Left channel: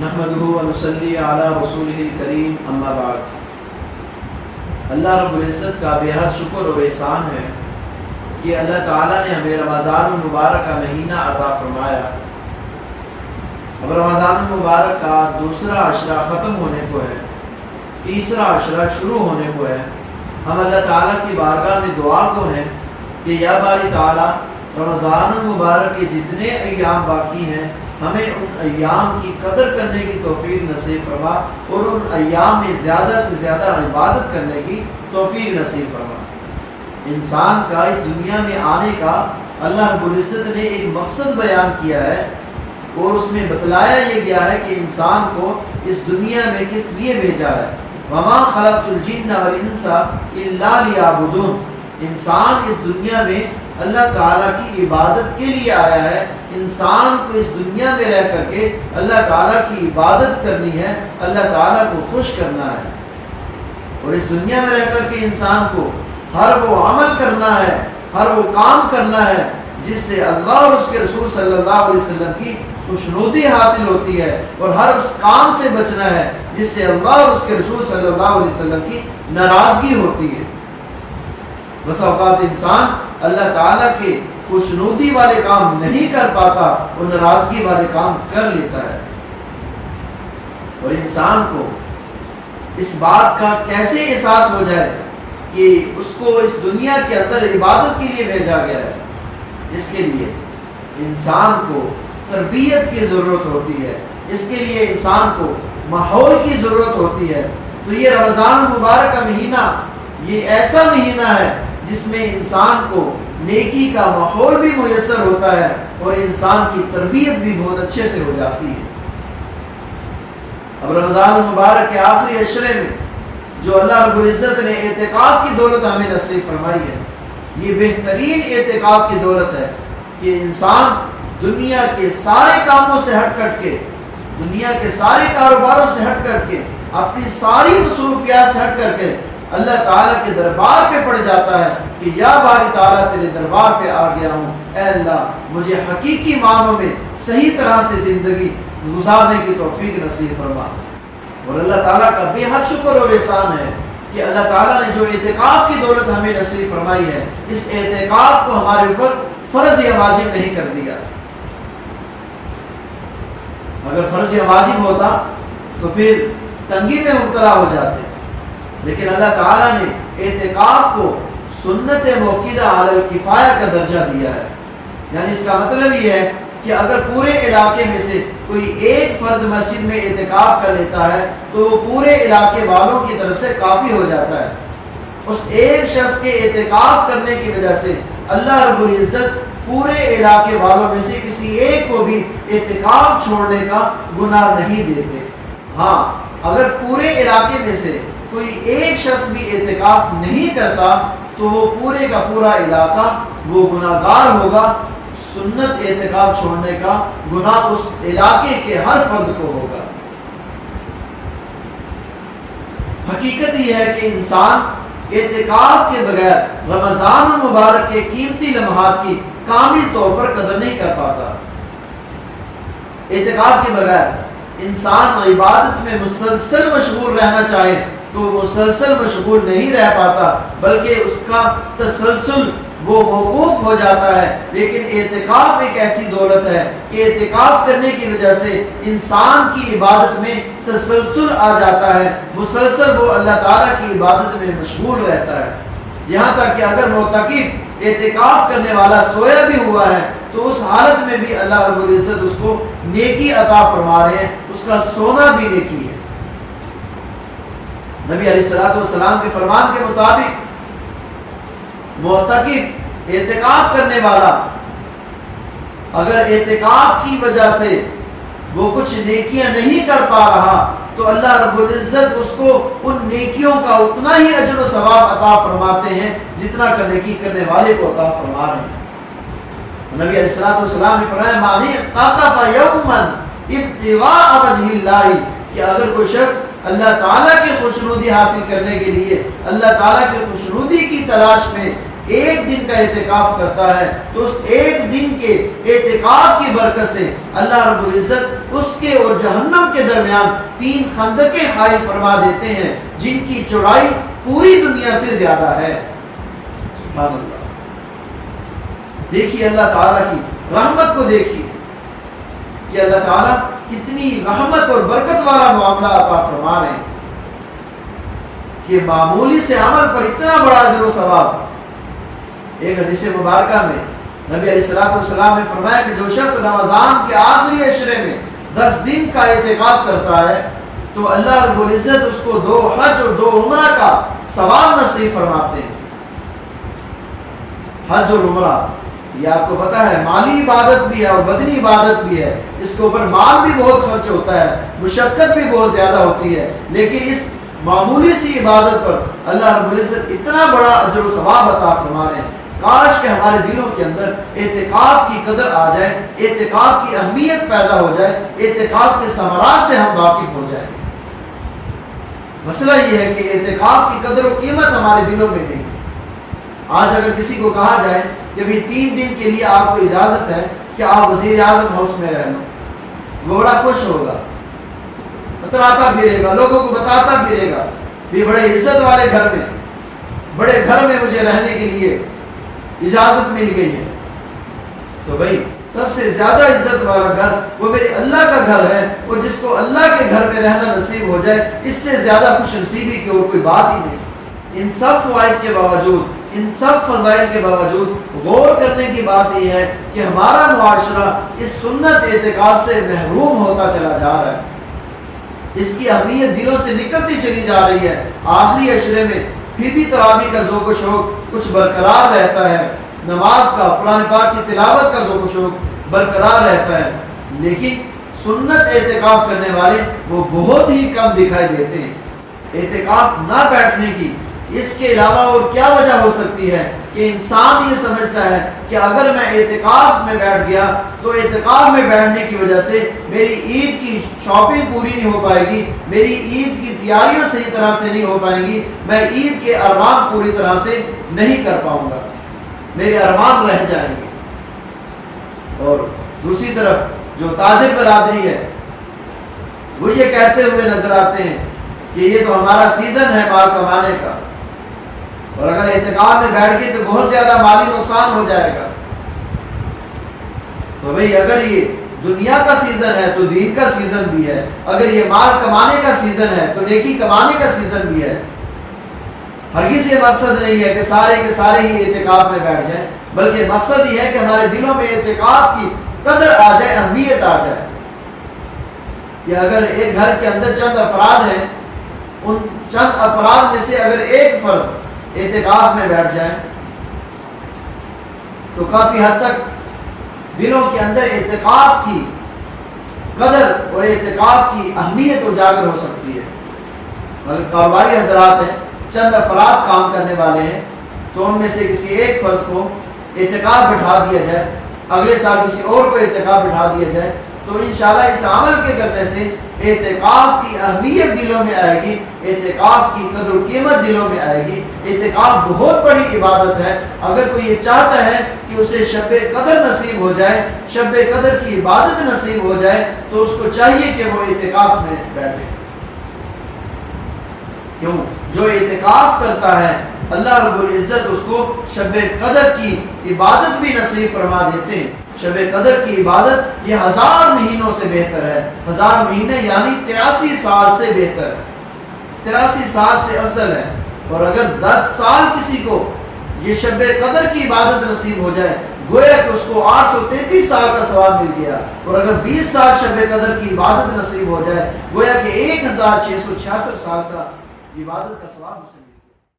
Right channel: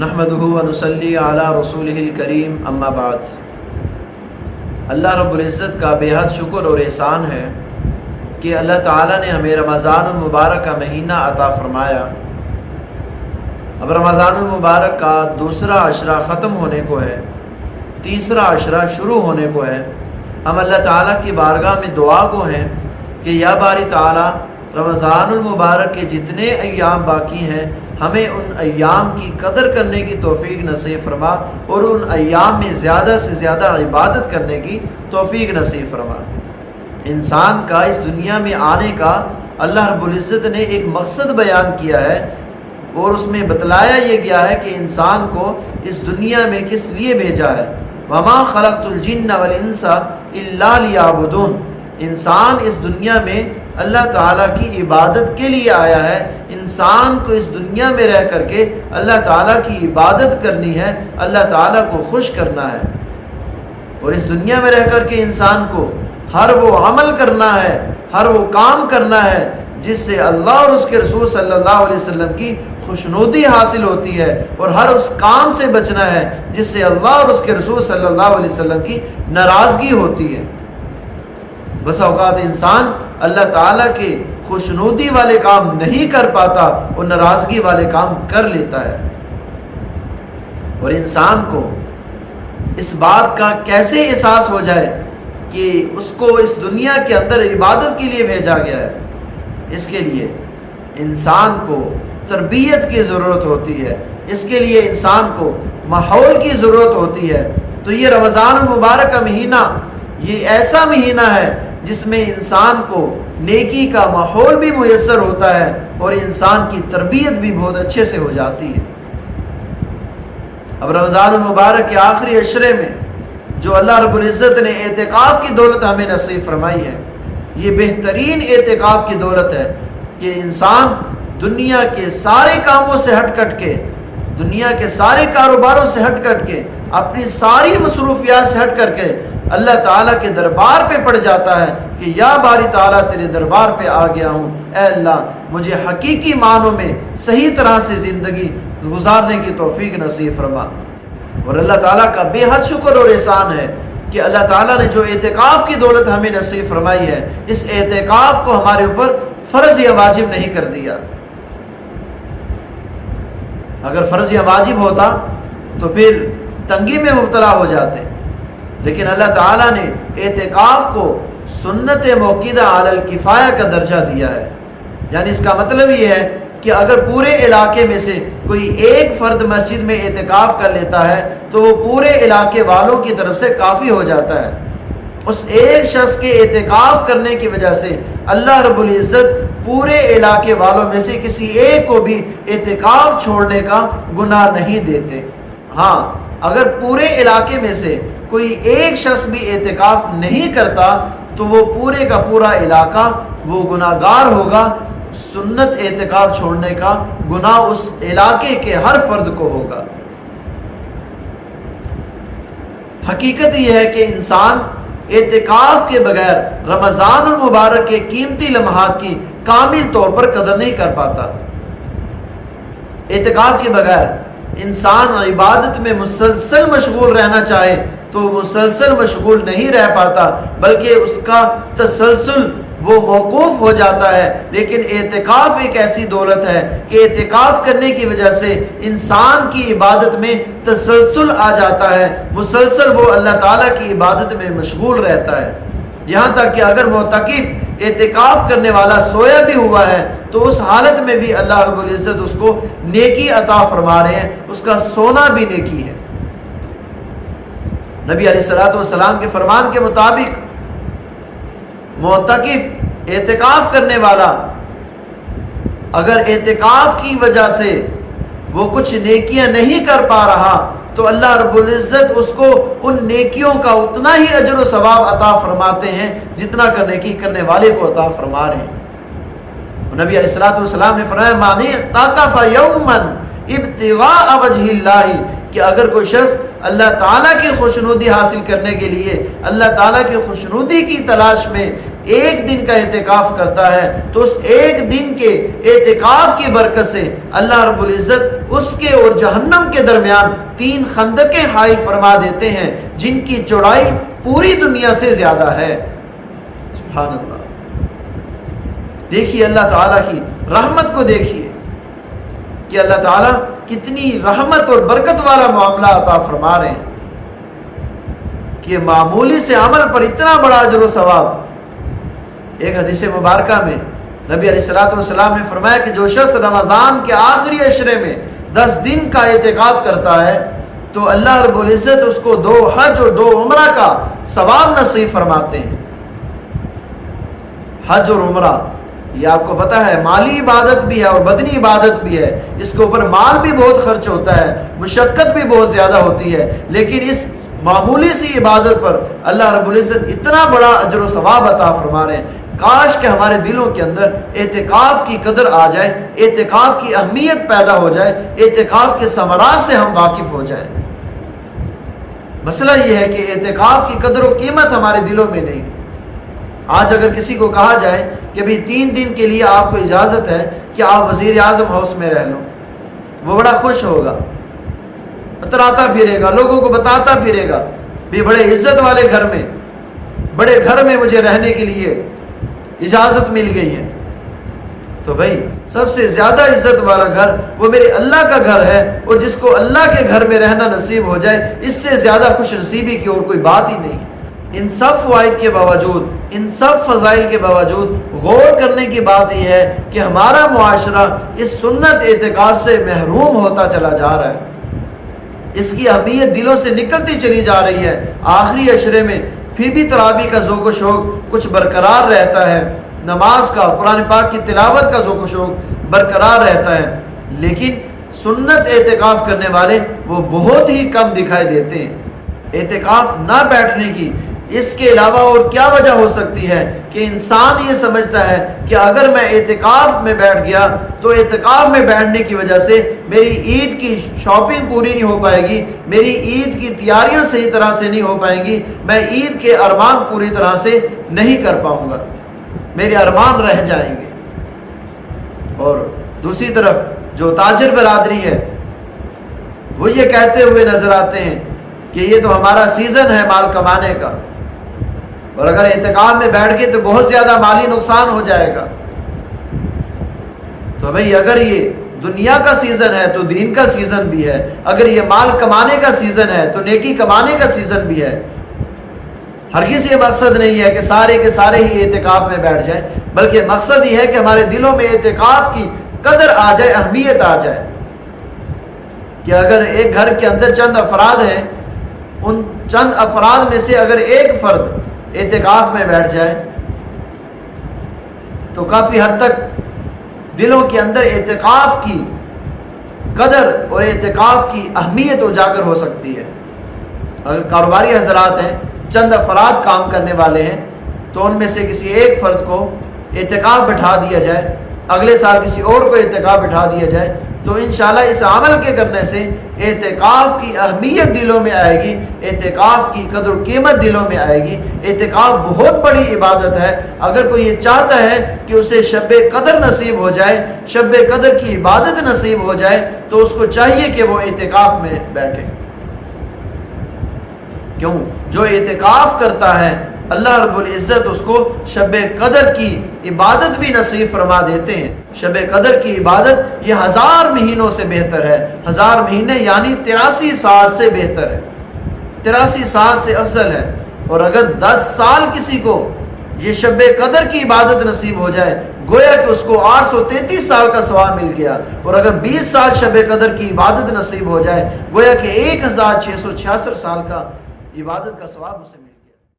نحمدہ ونصلی علی رسولہ الکریم اما بعد۔ اللہ رب العزت کا بے حد شکر اور احسان ہے کہ اللہ تعالیٰ نے ہمیں رمضان المبارک کا مہینہ عطا فرمایا۔ اب رمضان المبارک کا دوسرا عشرہ ختم ہونے کو ہے، تیسرا عشرہ شروع ہونے کو ہے۔ ہم اللہ تعالیٰ کی بارگاہ میں دعا کو ہیں کہ یا باری تعالیٰ رمضان المبارک کے جتنے ایام باقی ہیں ہمیں ان ایام کی قدر کرنے کی توفیق نصیب فرما اور ان ایام میں زیادہ سے زیادہ عبادت کرنے کی توفیق نصیب فرما۔ انسان کا اس دنیا میں آنے کا اللہ رب العزت نے ایک مقصد بیان کیا ہے اور اس میں بتلایا یہ گیا ہے کہ انسان کو اس دنیا میں کس لیے بھیجا ہے۔ وَمَا خَلَقْتُ الْجِنَّ وَالْإِنسَ إِلَّا لِيَعْبُدُونَ۔ انسان اس دنیا میں اللہ تعالیٰ کی عبادت کے لیے آیا ہے۔ انسان کو اس دنیا میں رہ کر کے اللہ تعالیٰ کی عبادت کرنی ہے، اللہ تعالیٰ کو خوش کرنا ہے، اور اس دنیا میں رہ کر کے انسان کو ہر وہ عمل کرنا ہے، ہر وہ کام کرنا ہے جس سے اللہ اور اس کے رسول صلی اللہ علیہ وسلم کی خوشنودی حاصل ہوتی ہے، اور ہر اس کام سے بچنا ہے جس سے اللہ اور اس کے رسول صلی اللہ علیہ وسلم کی ناراضگی ہوتی ہے۔ بس اوقات انسان اللہ تعالیٰ کے خوشنودی والے کام نہیں کر پاتا اور ناراضگی والے کام کر لیتا ہے۔ اور انسان کو اس بات کا کیسے احساس ہو جائے کہ اس کو اس دنیا کے اندر عبادت کے لیے بھیجا گیا ہے، اس کے لیے انسان کو تربیت کی ضرورت ہوتی ہے، اس کے لیے انسان کو ماحول کی ضرورت ہوتی ہے۔ تو یہ رمضان المبارک کا مہینہ یہ ایسا مہینہ ہے جس میں انسان کو نیکی کا ماحول بھی میسر ہوتا ہے اور انسان کی تربیت بھی بہت اچھے سے ہو جاتی ہے۔ اب رمضان المبارک کے آخری عشرے میں جو اللہ رب العزت نے اعتکاف کی دولت ہمیں نصیب فرمائی ہے، یہ بہترین اعتکاف کی دولت ہے کہ انسان دنیا کے سارے کاموں سے ہٹ کٹ کے، دنیا کے سارے کاروباروں سے ہٹ کٹ کے، اپنی ساری مصروفیات سے ہٹ کر کے اللہ تعالیٰ کے دربار پہ پڑ جاتا ہے کہ یا باری تعالیٰ تیرے دربار پہ آ گیا ہوں، اے اللہ مجھے حقیقی معنوں میں صحیح طرح سے زندگی گزارنے کی توفیق نصیب فرما۔ اور اللہ تعالیٰ کا بے حد شکر اور احسان ہے کہ اللہ تعالیٰ نے جو اعتکاف کی دولت ہمیں نصیب فرمائی ہے، اس اعتکاف کو ہمارے اوپر فرض یا واجب نہیں کر دیا۔ اگر فرض یا واجب ہوتا تو پھر تنگی میں مبتلا ہو جاتے، لیکن اللہ تعالیٰ نے اعتکاف کو سنت موقدہ علی الکفایہ کا درجہ دیا ہے۔ یعنی اس کا مطلب یہ ہے کہ اگر پورے علاقے میں سے کوئی ایک فرد مسجد میں اعتکاف کر لیتا ہے تو وہ پورے علاقے والوں کی طرف سے کافی ہو جاتا ہے۔ اس ایک شخص کے اعتکاف کرنے کی وجہ سے اللہ رب العزت پورے علاقے والوں میں سے کسی ایک کو بھی اعتکاف چھوڑنے کا گناہ نہیں دیتے۔ ہاں، اگر پورے علاقے میں سے کوئی ایک شخص بھی اعتکاف نہیں کرتا تو وہ پورے کا پورا علاقہ وہ گناہگار ہوگا۔ سنت اعتکاف چھوڑنے کا گناہ اس علاقے کے ہر فرد کو ہوگا۔ حقیقت یہ ہے کہ انسان اعتکاف کے بغیر رمضان المبارک کے قیمتی لمحات کی کامل طور پر قدر نہیں کر پاتا۔ اعتکاف کے بغیر انسان عبادت میں مسلسل مشغول رہنا چاہے تو مسلسل مشغول نہیں رہ پاتا، بلکہ اس کا تسلسل وہ موقوف ہو جاتا ہے۔ لیکن اعتکاف ایک ایسی دولت ہے کہ اعتکاف کرنے کی وجہ سے انسان کی عبادت میں تسلسل آ جاتا ہے، مسلسل وہ اللہ تعالیٰ کی عبادت میں مشغول رہتا ہے، یہاں تک کہ اگر معتکف اعتکاف کرنے والا سویا بھی ہوا ہے تو اس حالت میں بھی اللہ رب العزت اس کو نیکی عطا فرما رہے ہیں، اس کا سونا بھی نیکی ہے۔ نبی علیہ الصلوۃ والسلام کے فرمان کے مطابق معتکف اعتکاف کرنے والا اگر اعتکاف کی وجہ سے وہ کچھ نیکیاں نہیں کر پا رہا تو اللہ رب العزت اس کو ان نیکیوں کا اتنا ہی اجر و ثواب عطا فرماتے ہیں جتنا نیکی کرنے والے کو عطا فرما رہے ہیں۔ نبی علیہ الصلوۃ والسلام نے فرمایا معنی اعتکف یوما ابتغاء وجہ اللہ، کہ اگر کوئی شخص اللہ تعالیٰ کی خوشنودی حاصل کرنے کے لیے، اللہ تعالیٰ کی خوشنودی کی تلاش میں ایک دن کا اعتکاف کرتا ہے تو اس ایک دن کے اعتکاف کی برکت سے اللہ رب العزت اس کے اور جہنم کے درمیان 3 خندقیں حائل فرما دیتے ہیں جن کی چوڑائی پوری دنیا سے زیادہ ہے۔ سبحان اللہ۔ دیکھیے اللہ تعالیٰ کی رحمت کو، دیکھیے کہ اللہ تعالیٰ کتنی رحمت اور برکت والا معاملہ عطا فرما رہے ہیں کہ معمولی سے عمل پر اتنا بڑا اجر و ثواب۔ ایک حدیث مبارکہ میں نبی علیہ السلام نے فرمایا کہ جو شخص رمضان کے آخری عشرے میں 10 دن کا اعتکاف کرتا ہے تو اللہ رب العزت اس کو 2 حج اور 2 عمرہ کا ثواب نصیب فرماتے ہیں۔ حج اور عمرہ یہ آپ کو پتا ہے مالی عبادت بھی ہے اور بدنی عبادت بھی ہے، اس کے اوپر مال بھی بہت خرچ ہوتا ہے، مشقت بھی بہت زیادہ ہوتی ہے، لیکن اس معمولی سی عبادت پر اللہ رب العزت اتنا بڑا اجر و ثواب عطا فرما رہے ہیں۔ کاش کہ ہمارے دلوں کے اندر اعتکاف کی قدر آ جائے، اعتکاف کی اہمیت پیدا ہو جائے، اعتکاف کے ثمرات سے ہم واقف ہو جائیں۔ مسئلہ یہ ہے کہ اعتکاف کی قدر و قیمت ہمارے دلوں میں نہیں۔ آج اگر کسی کو کہا جائے کہ بھی 3 دن کے لیے آپ کو اجازت ہے کہ آپ وزیر اعظم ہاؤس میں رہ لو، وہ بڑا خوش ہوگا، اتراتا پھرے گا، لوگوں کو بتاتا پھرے گا بھی بڑے عزت والے گھر میں، بڑے گھر میں مجھے رہنے کے لیے اجازت مل گئی ہے۔ تو بھائی سب سے زیادہ عزت والا گھر وہ میرے اللہ کا گھر ہے، اور جس کو اللہ کے گھر میں رہنا نصیب ہو جائے اس سے زیادہ خوش نصیبی کی اور کوئی بات ہی نہیں۔ ان سب فوائد کے باوجود، ان سب فضائل کے باوجود غور کرنے کی بات یہ ہے کہ ہمارا معاشرہ اس سنت اعتکاف سے محروم ہوتا چلا جا رہا ہے، اس کی اہمیت دلوں سے نکلتی چلی جا رہی ہے۔ آخری عشرے میں پھر بھی تراویح کا ذوق و شوق کچھ برقرار رہتا ہے، نماز کا، قرآن پاک کی تلاوت کا ذوق و شوق برقرار رہتا ہے، لیکن سنت اعتکاف کرنے والے وہ بہت ہی کم دکھائی دیتے ہیں۔ اعتکاف نہ بیٹھنے کی اس کے علاوہ اور کیا وجہ ہو سکتی ہے کہ انسان یہ سمجھتا ہے کہ اگر میں اعتکاف میں بیٹھ گیا تو اعتکاف میں بیٹھنے کی وجہ سے میری عید کی شاپنگ پوری نہیں ہو پائے گی، میری عید کی تیاریاں صحیح طرح سے نہیں ہو پائیں گی، میں عید کے ارمان پوری طرح سے نہیں کر پاؤں گا، میرے ارمان رہ جائیں گے۔ اور دوسری طرف جو تاجر برادری ہے وہ یہ کہتے ہوئے نظر آتے ہیں کہ یہ تو ہمارا سیزن ہے مال کمانے کا، اور اگر اعتکاف میں بیٹھ گئے تو بہت زیادہ مالی نقصان ہو جائے گا۔ تو بھئی اگر یہ دنیا کا سیزن ہے تو دین کا سیزن بھی ہے، اگر یہ مال کمانے کا سیزن ہے تو نیکی کمانے کا سیزن بھی ہے۔ ہرگز یہ مقصد نہیں ہے کہ سارے کے سارے ہی اعتکاف میں بیٹھ جائیں، بلکہ مقصد یہ ہے کہ ہمارے دلوں میں اعتکاف کی قدر آ جائے، اہمیت آ جائے، کہ اگر ایک گھر کے اندر چند افراد ہیں، ان چند افراد میں سے اگر ایک فرد اعتکاف میں بیٹھ جائے تو کافی حد تک دلوں کے اندر اعتکاف کی قدر اور اعتکاف کی اہمیت اجاگر ہو سکتی ہے۔ اگر کاروباری حضرات ہیں، چند افراد کام کرنے والے ہیں، تو ان میں سے کسی ایک فرد کو اعتکاف بٹھا دیا جائے، اگلے سال کسی اور کو اعتکاف بٹھا دیا جائے، تو انشاءاللہ اس عمل کے کرنے سے اعتکاف کی اہمیت دلوں میں آئے گی، اعتکاف کی قدر و قیمت دلوں میں آئے گی۔ اعتکاف بہت بڑی عبادت ہے۔ اگر کوئی یہ چاہتا ہے کہ اسے شب قدر نصیب ہو جائے، شب قدر کی عبادت نصیب ہو جائے، تو اس کو چاہیے کہ وہ اعتکاف میں بیٹھے۔ کیوں؟ جو اعتکاف کرتا ہے اللہ رب العزت اس کو شب قدر کی عبادت بھی نصیب فرما دیتے ہیں۔ شب قدر کی عبادت یہ 1000 مہینوں سے بہتر ہے۔ 1000 مہینے یعنی 83 سال سے بہتر ہے، 83 سال سے افضل ہے۔ اور اگر 10 سال کسی کو یہ شب قدر کی عبادت نصیب ہو جائے، گویا کہ اس کو 833 سال کا ثواب مل گیا۔ اور اگر 20 سال شب قدر کی عبادت نصیب ہو جائے، گویا کہ 1666 سال کا عبادت کا ثواب اسے